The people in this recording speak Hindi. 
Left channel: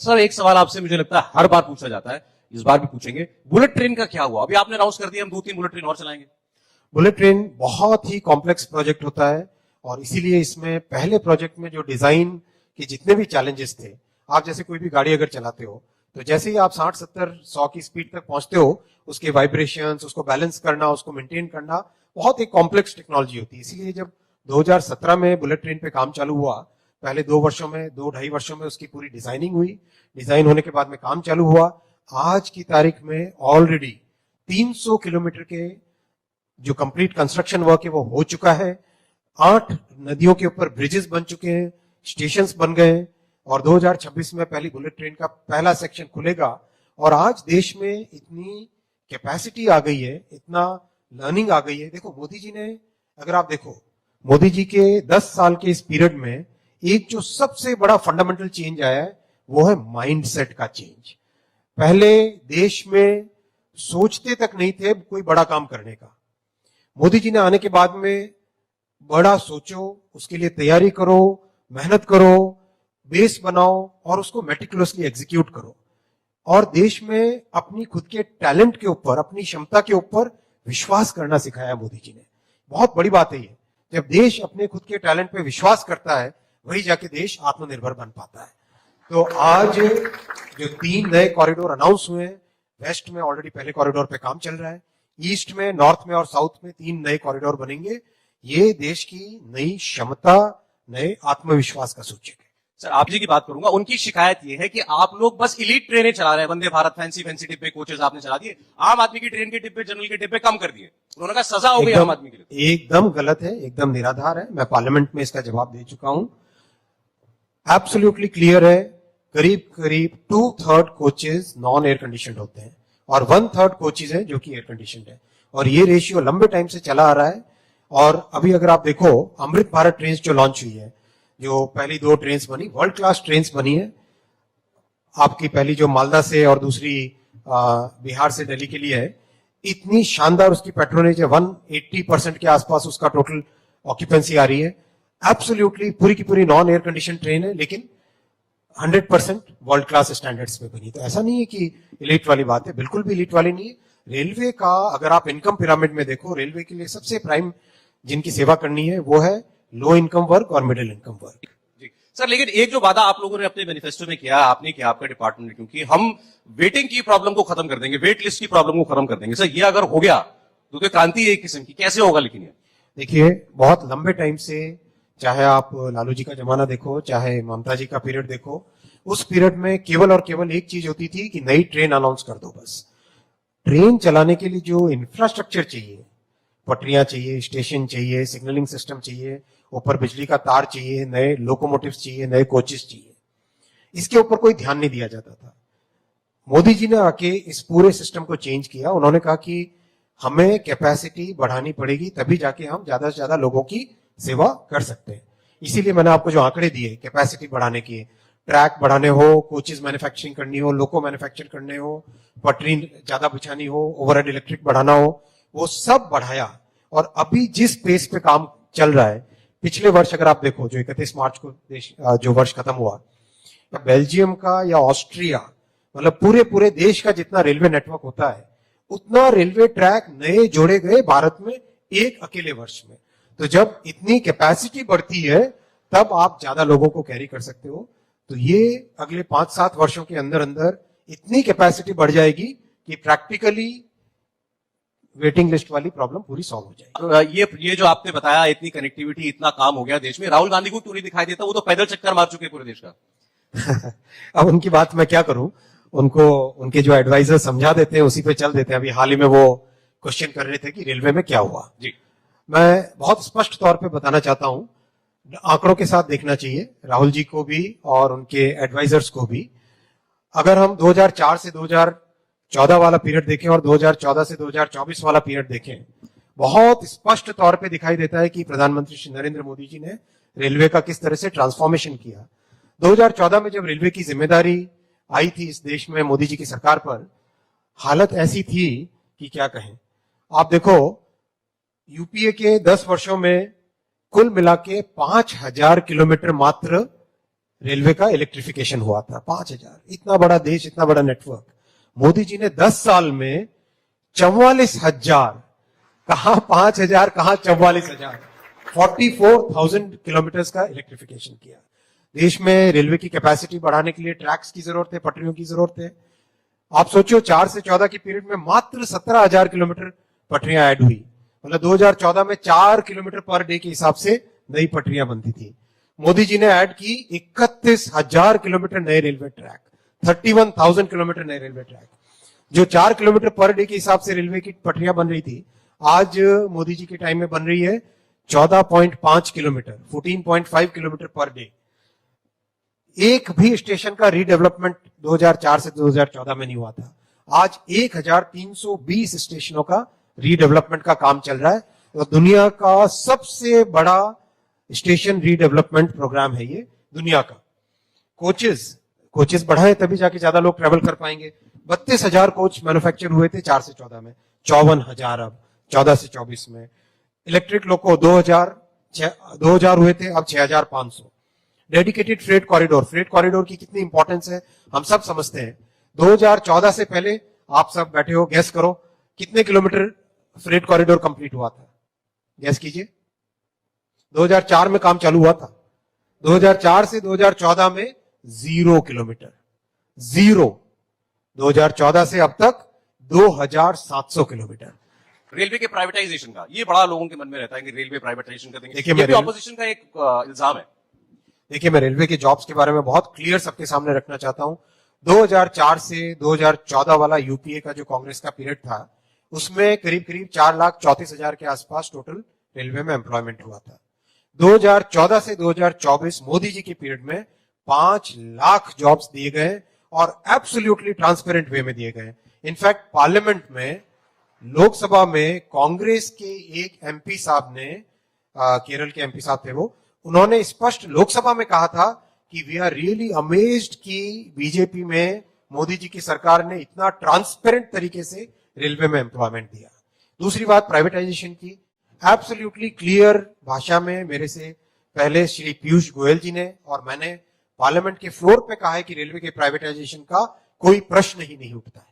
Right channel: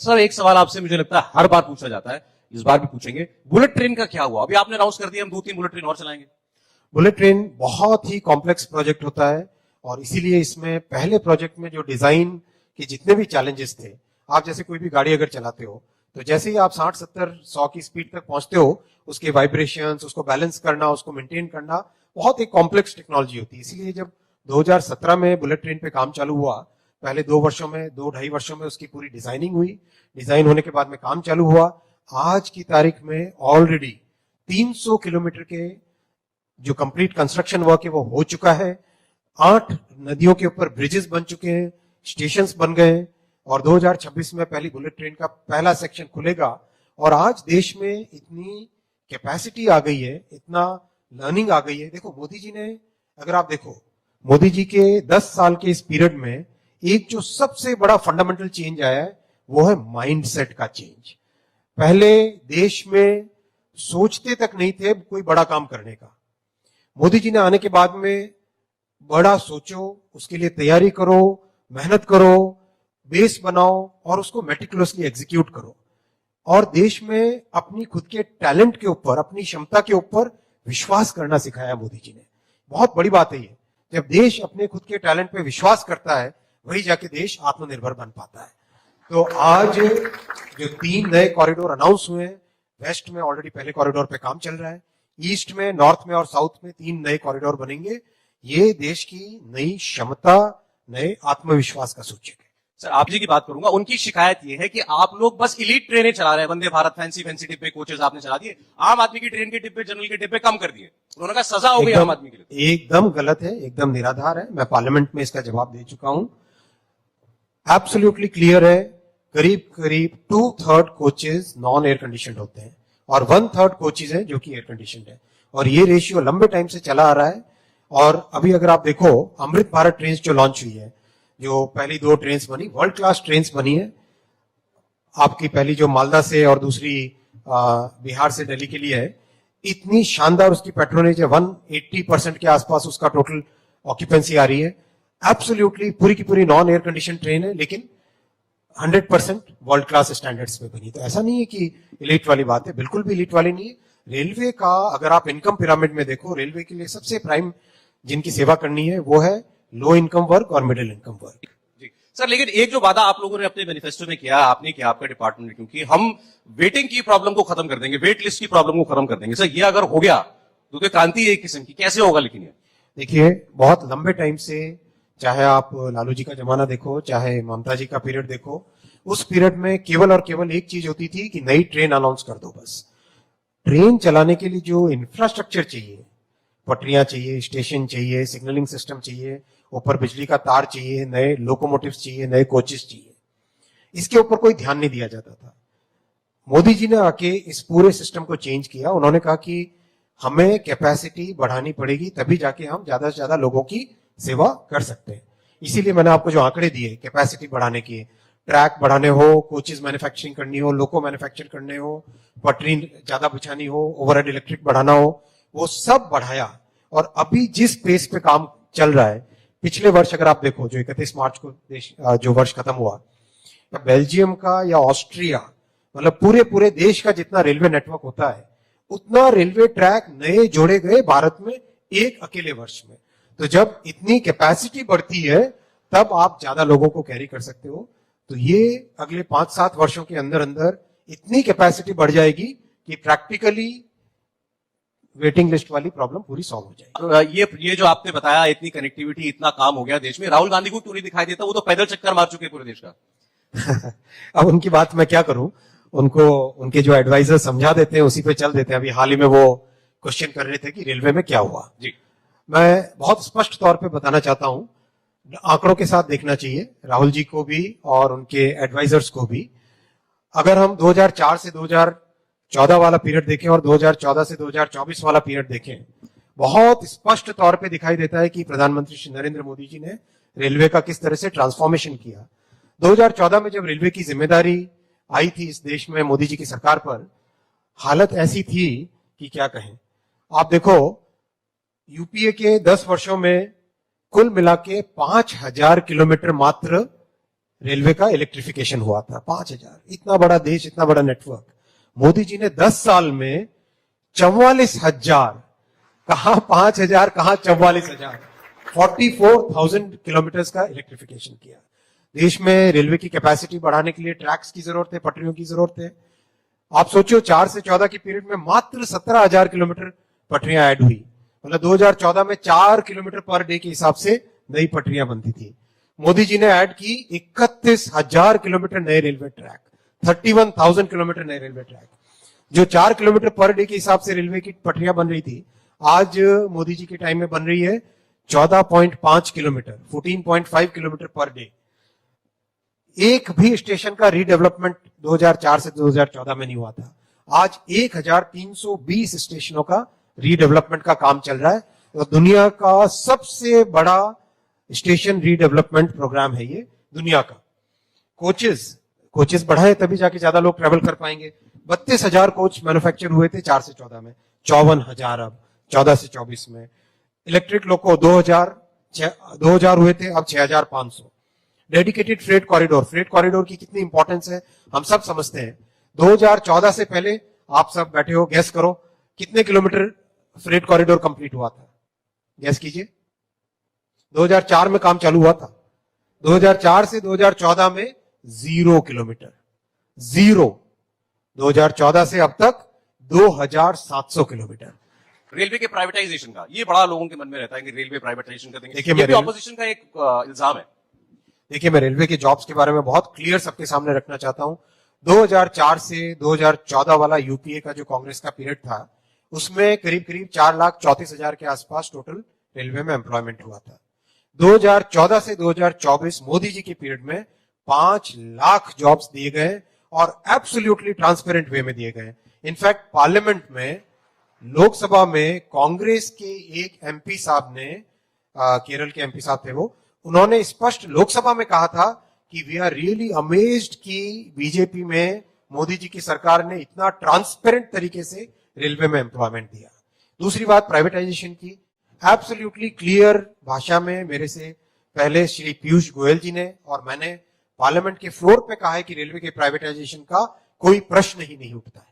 सर एक सवाल आपसे मुझे लगता है हर बार पूछा जाता है, इस बार भी पूछेंगे, बुलेट ट्रेन का क्या हुआ? अभी आपने अनाउंस कर दिया हम 2-3 बुलेट ट्रेन और चलाएंगे। बुलेट ट्रेन बहुत ही कॉम्प्लेक्स प्रोजेक्ट होता है और इसीलिए इसमें पहले प्रोजेक्ट में जो डिजाइन के जितने भी चैलेंजेस थे, आप जैसे कोई भी गाड़ी अगर चलाते हो तो जैसे ही आप 60-70-100 की स्पीड तक पहुंचते हो, उसके वाइब्रेशंस, उसको बैलेंस करना, उसको मेंटेन करना बहुत ही कॉम्प्लेक्स टेक्नोलॉजी होती है। इसीलिए जब 2017 में बुलेट ट्रेन पे काम चालू हुआ, पहले 2 वर्षों में, 2-2.5 वर्षों में उसकी पूरी डिजाइनिंग हुई। डिजाइन होने के बाद में काम चालू हुआ। आज की तारीख में ऑलरेडी 300 किलोमीटर के जो कंप्लीट कंस्ट्रक्शन वर्क है वो हो चुका है। 8 नदियों के ऊपर ब्रिजेस बन चुके हैं, स्टेशंस बन गए और 2026 में पहली बुलेट ट्रेन का पहला सेक्शन खुलेगा। और आज देश में इतनी कैपेसिटी आ गई है, इतना लर्निंग आ गई है। देखो मोदी जी ने, अगर आप देखो मोदी जी के 10 साल के इस पीरियड में एक जो सबसे बड़े फंडामेंटल चेंज आया है वो है माइंडसेट का चेंज। पहले देश में सोचते तक नहीं थे कोई बड़ा काम करने का। मोदी जी ने आने के बाद में बड़ा सोचो, उसके लिए तैयारी करो, मेहनत करो, बेस बनाओ और उसको मेटिकुलसली एग्जीक्यूट करो। और देश में अपनी खुद के टैलेंट के ऊपर, अपनी क्षमता के ऊपर विश्वास करना सिखाया मोदी जी ने। बहुत बड़ी बात है ये। जब देश अपने खुद के टैलेंट पे विश्वास करता है, वही जाके देश आत्मनिर्भर बन पाता है। तो आज जो 3 नए कॉरिडोर अनाउंस हुए हैं, वेस्ट में ऑलरेडी पहले कॉरिडोर पे काम चल रहा है, ईस्ट में, नॉर्थ में और साउथ में 3 नए कॉरिडोर बनेंगे। ये देश की नई क्षमता, नए आत्मविश्वास का सूचक है। सर आप जी की बात करूंगा, उनकी शिकायत ये है कि आप लोग बस इलीट ट्रेनें चला रहे हैं, वंदे भारत फैंसी फैंसी डिब्बे कोचेस आपने चला दिए, आम आदमी की ट्रेन के डिब्बे, जनरल के डिब्बे कम कर दिए। उन्होंने कहा सजा हो गई आम आदमी के लिए। एकदम गलत है, एकदम निराधार है। मैं पार्लियामेंट में इसका जवाब दे चुका हूं। एब्सोल्युटली क्लियर है, करीब करीब 2/3 कोचेज नॉन एयर कंडीशन होते हैं और 1/3 कोचेज है जो कि एयर कंडीशन है। और ये रेशियो लंबे टाइम से चला आ रहा है। और अभी अगर आप देखो, अमृत भारत ट्रेन जो लॉन्च हुई है, जो पहली 2 ट्रेन बनी, वर्ल्ड क्लास ट्रेन बनी है। आपकी पहली जो मालदा से और दूसरी बिहार से दिल्ली के लिए है, इतनी शानदार उसकी पेट्रोनेज है, 180% के आसपास उसका टोटल ऑक्यूपेंसी आ रही है। एब्सोल्युटली पूरी की पूरी नॉन एयर कंडीशन ट्रेन है, लेकिन 100% वर्ल्ड क्लास स्टैंडर्ड्स पे बनी। तो ऐसा नहीं है कि इलीट वाली बात है, बिल्कुल भी इलीट वाली नहीं है। रेलवे का अगर आप इनकम पिरामिड में देखो, रेलवे के लिए सबसे प्राइम जिनकी सेवा करनी है वो है लो इनकम वर्ग और मिडिल इनकम वर्ग। जी सर, लेकिन एक जो वादा आप लोगों ने अपने मैनिफेस्टो में किया, आपने किया, आपका डिपार्टमेंट ने, क्योंकि हम वेटिंग की प्रॉब्लम को खत्म कर देंगे, वेट लिस्ट की प्रॉब्लम को खत्म कर देंगे। सर ये अगर हो गया तो क्रांति है एक किस्म की। कैसे होगा लेकिन ये? देखिए, बहुत लंबे टाइम से, चाहे आप लालू जी का जमाना देखो, चाहे ममता जी का पीरियड देखो, उस पीरियड में केवल और केवल एक चीज होती थी कि नई ट्रेन अनाउंस कर दो बस। ट्रेन चलाने के लिए जो इंफ्रास्ट्रक्चर चाहिए, पटरियां चाहिए, स्टेशन चाहिए, सिग्नलिंग सिस्टम चाहिए, ऊपर बिजली का तार चाहिए, नए लोकोमोटिव्स चाहिए, नए कोचेस चाहिए, इसके ऊपर कोई ध्यान नहीं दिया जाता था। मोदी जी ने आके इस पूरे सिस्टम को चेंज किया। उन्होंने कहा कि हमें कैपेसिटी बढ़ानी पड़ेगी, तभी जाके हम ज्यादा से ज्यादा लोगों की सेवा कर सकते हैं। इसीलिए मैंने आपको जो आंकड़े दिए कैपेसिटी बढ़ाने की, ट्रैक बढ़ाने हो, कोचेस मैन्युफैक्चरिंग करनी हो, लोको मैन्युफैक्चर करने हो, पटरी ज्यादा बिछानी हो, ओवरहेड इलेक्ट्रिक बढ़ाना हो, वो सब बढ़ाया। और अभी जिस पेस पे काम चल रहा है, पिछले वर्ष अगर आप देखो, जो 31 मार्च को जो वर्ष खत्म हुआ, तो बेल्जियम का या ऑस्ट्रिया, मतलब पूरे पूरे देश का जितना रेलवे नेटवर्क होता है, उतना रेलवे ट्रैक नए जोड़े गए भारत में एक अकेले वर्ष में। तो जब इतनी कैपेसिटी बढ़ती है, तब आप ज्यादा लोगों को कैरी कर सकते हो। तो ये अगले 5-7 वर्षों के अंदर अंदर इतनी कैपेसिटी बढ़ जाएगी कि प्रैक्टिकली वेटिंग लिस्ट वाली प्रॉब्लम पूरी सॉल्व हो जाएगी। तो ये जो आपने बताया, इतनी कनेक्टिविटी, इतना काम हो गया देश में, राहुल गांधी को क्यों नहीं दिखाई देता? वो तो पैदल चक्कर मार चुके पूरे देश का। अब उनकी बात मैं क्या करूं, उनको उनके जो एडवाइजर समझा देते हैं, उसी पे चल देते हैं। अभी हाल ही में वो क्वेश्चन कर रहे थे कि रेलवे में क्या हुआ। जी, मैं बहुत स्पष्ट तौर पे बताना चाहता हूं, आंकड़ों के साथ देखना चाहिए राहुल जी को भी और उनके एडवाइजर्स को भी। अगर हम 2004 से 2014 वाला पीरियड देखें और 2014 से 2024 वाला पीरियड देखें, बहुत स्पष्ट तौर पे दिखाई देता है कि प्रधानमंत्री श्री नरेंद्र मोदी जी ने रेलवे का किस तरह से ट्रांसफॉर्मेशन किया। 2014 में जब रेलवे की जिम्मेदारी आई थी इस देश में मोदी जी की सरकार पर, हालत ऐसी थी कि क्या कहें। आप देखो, यूपीए के 10 वर्षों में कुल मिला के 5000 किलोमीटर मात्र रेलवे का इलेक्ट्रिफिकेशन हुआ था। 5,000, इतना बड़ा देश, इतना बड़ा नेटवर्क। मोदी जी ने 10 साल में 44,000, कहां 5,000, कहां 44,000, 44,000 किलोमीटर का इलेक्ट्रिफिकेशन किया। देश में रेलवे की कैपेसिटी बढ़ाने के लिए ट्रैक्स की जरूरत है, पटरियों की जरूरत है। आप सोचो 4 से 14 की पीरियड में मात्र 17,000 किलोमीटर पटरियां ऐड हुई। मतलब 2014 में 4 किलोमीटर पर डे के हिसाब से नई पटरियां बनती थी। मोदी जी ने ऐड की 31,000 किलोमीटर नए रेलवे ट्रैक, 31,000 किलोमीटर नए रेलवे ट्रैक। जो 4 किलोमीटर पर डे के हिसाब से रेलवे की पटरियां बन रही थी, आज मोदी जी के टाइम में बन रही है 14.5 किलोमीटर, 14.5 किलोमीटर पर डे। एक भी स्टेशन का रीडेवलपमेंट 2004 से 2014 में नहीं हुआ था। आज 1,320 स्टेशनों का रीडेवलपमेंट का काम चल रहा है। तो दुनिया का सबसे बड़ा स्टेशन रीडेवलपमेंट प्रोग्राम है ये दुनिया का। कोचेस बढ़ाए तभी जाके ज्यादा लोग ट्रेवल कर पाएंगे। 32,000 कोच मैन्युफैक्चर हुए थे 4 से 14 में, 54,000 अब 14 से 24 में। इलेक्ट्रिक लोको 2000 हुए थे, अब 6,500। डेडिकेटेड फ्रेट कॉरिडोर की कितनी इंपॉर्टेंस है हम सब समझते हैं। 2014 से पहले आप सब बैठे हो, गैस करो कितने किलोमीटर फ्रेट कॉरिडोर कंप्लीट हुआ था, गैस कीजिए। 2004 में काम चालू हुआ था, 2004 से 2014 में 0 किलोमीटर, 0। 2014 से अब तक 2,700 किलोमीटर। रेलवे के प्राइवेटाइजेशन का ये बड़ा लोगों के मन में रहता है कि रेलवे प्राइवेटाइजेशन कर देंगे। देखिए, ये तो ऑपोजिशन का एक इल्जाम है। देखिए, मैं रेलवे के जॉब्स के बारे में बहुत क्लियर सबके सामने रखना चाहता हूं। 2004 से 2014 वाला यूपीए का जो कांग्रेस का पीरियड था, उसमें करीब करीब 4,34,000 के आसपास टोटल रेलवे में एम्प्लॉयमेंट हुआ था। 2014 से 2024 मोदी जी के पीरियड में 5 लाख जॉब्स दिए गए और एब्सोल्युटली ट्रांसपेरेंट वे में दिए गए। इनफैक्ट पार्लियामेंट में, लोकसभा में कांग्रेस के एक एमपी साहब ने, केरल के एमपी साहब थे वो, उन्होंने स्पष्ट लोकसभा में कहा था कि वी आर रियली अमेज्ड कि बीजेपी में मोदी जी की सरकार ने इतना ट्रांसपेरेंट तरीके से रेलवे में एम्प्लॉयमेंट दिया। दूसरी बात प्राइवेटाइजेशन की, एब्सोल्युटली क्लियर भाषा में मेरे से पहले श्री पीयूष गोयल जी ने और मैंने पार्लियामेंट के फ्लोर पे कहा है कि रेलवे के प्राइवेटाइजेशन का कोई प्रश्न ही नहीं उठता है।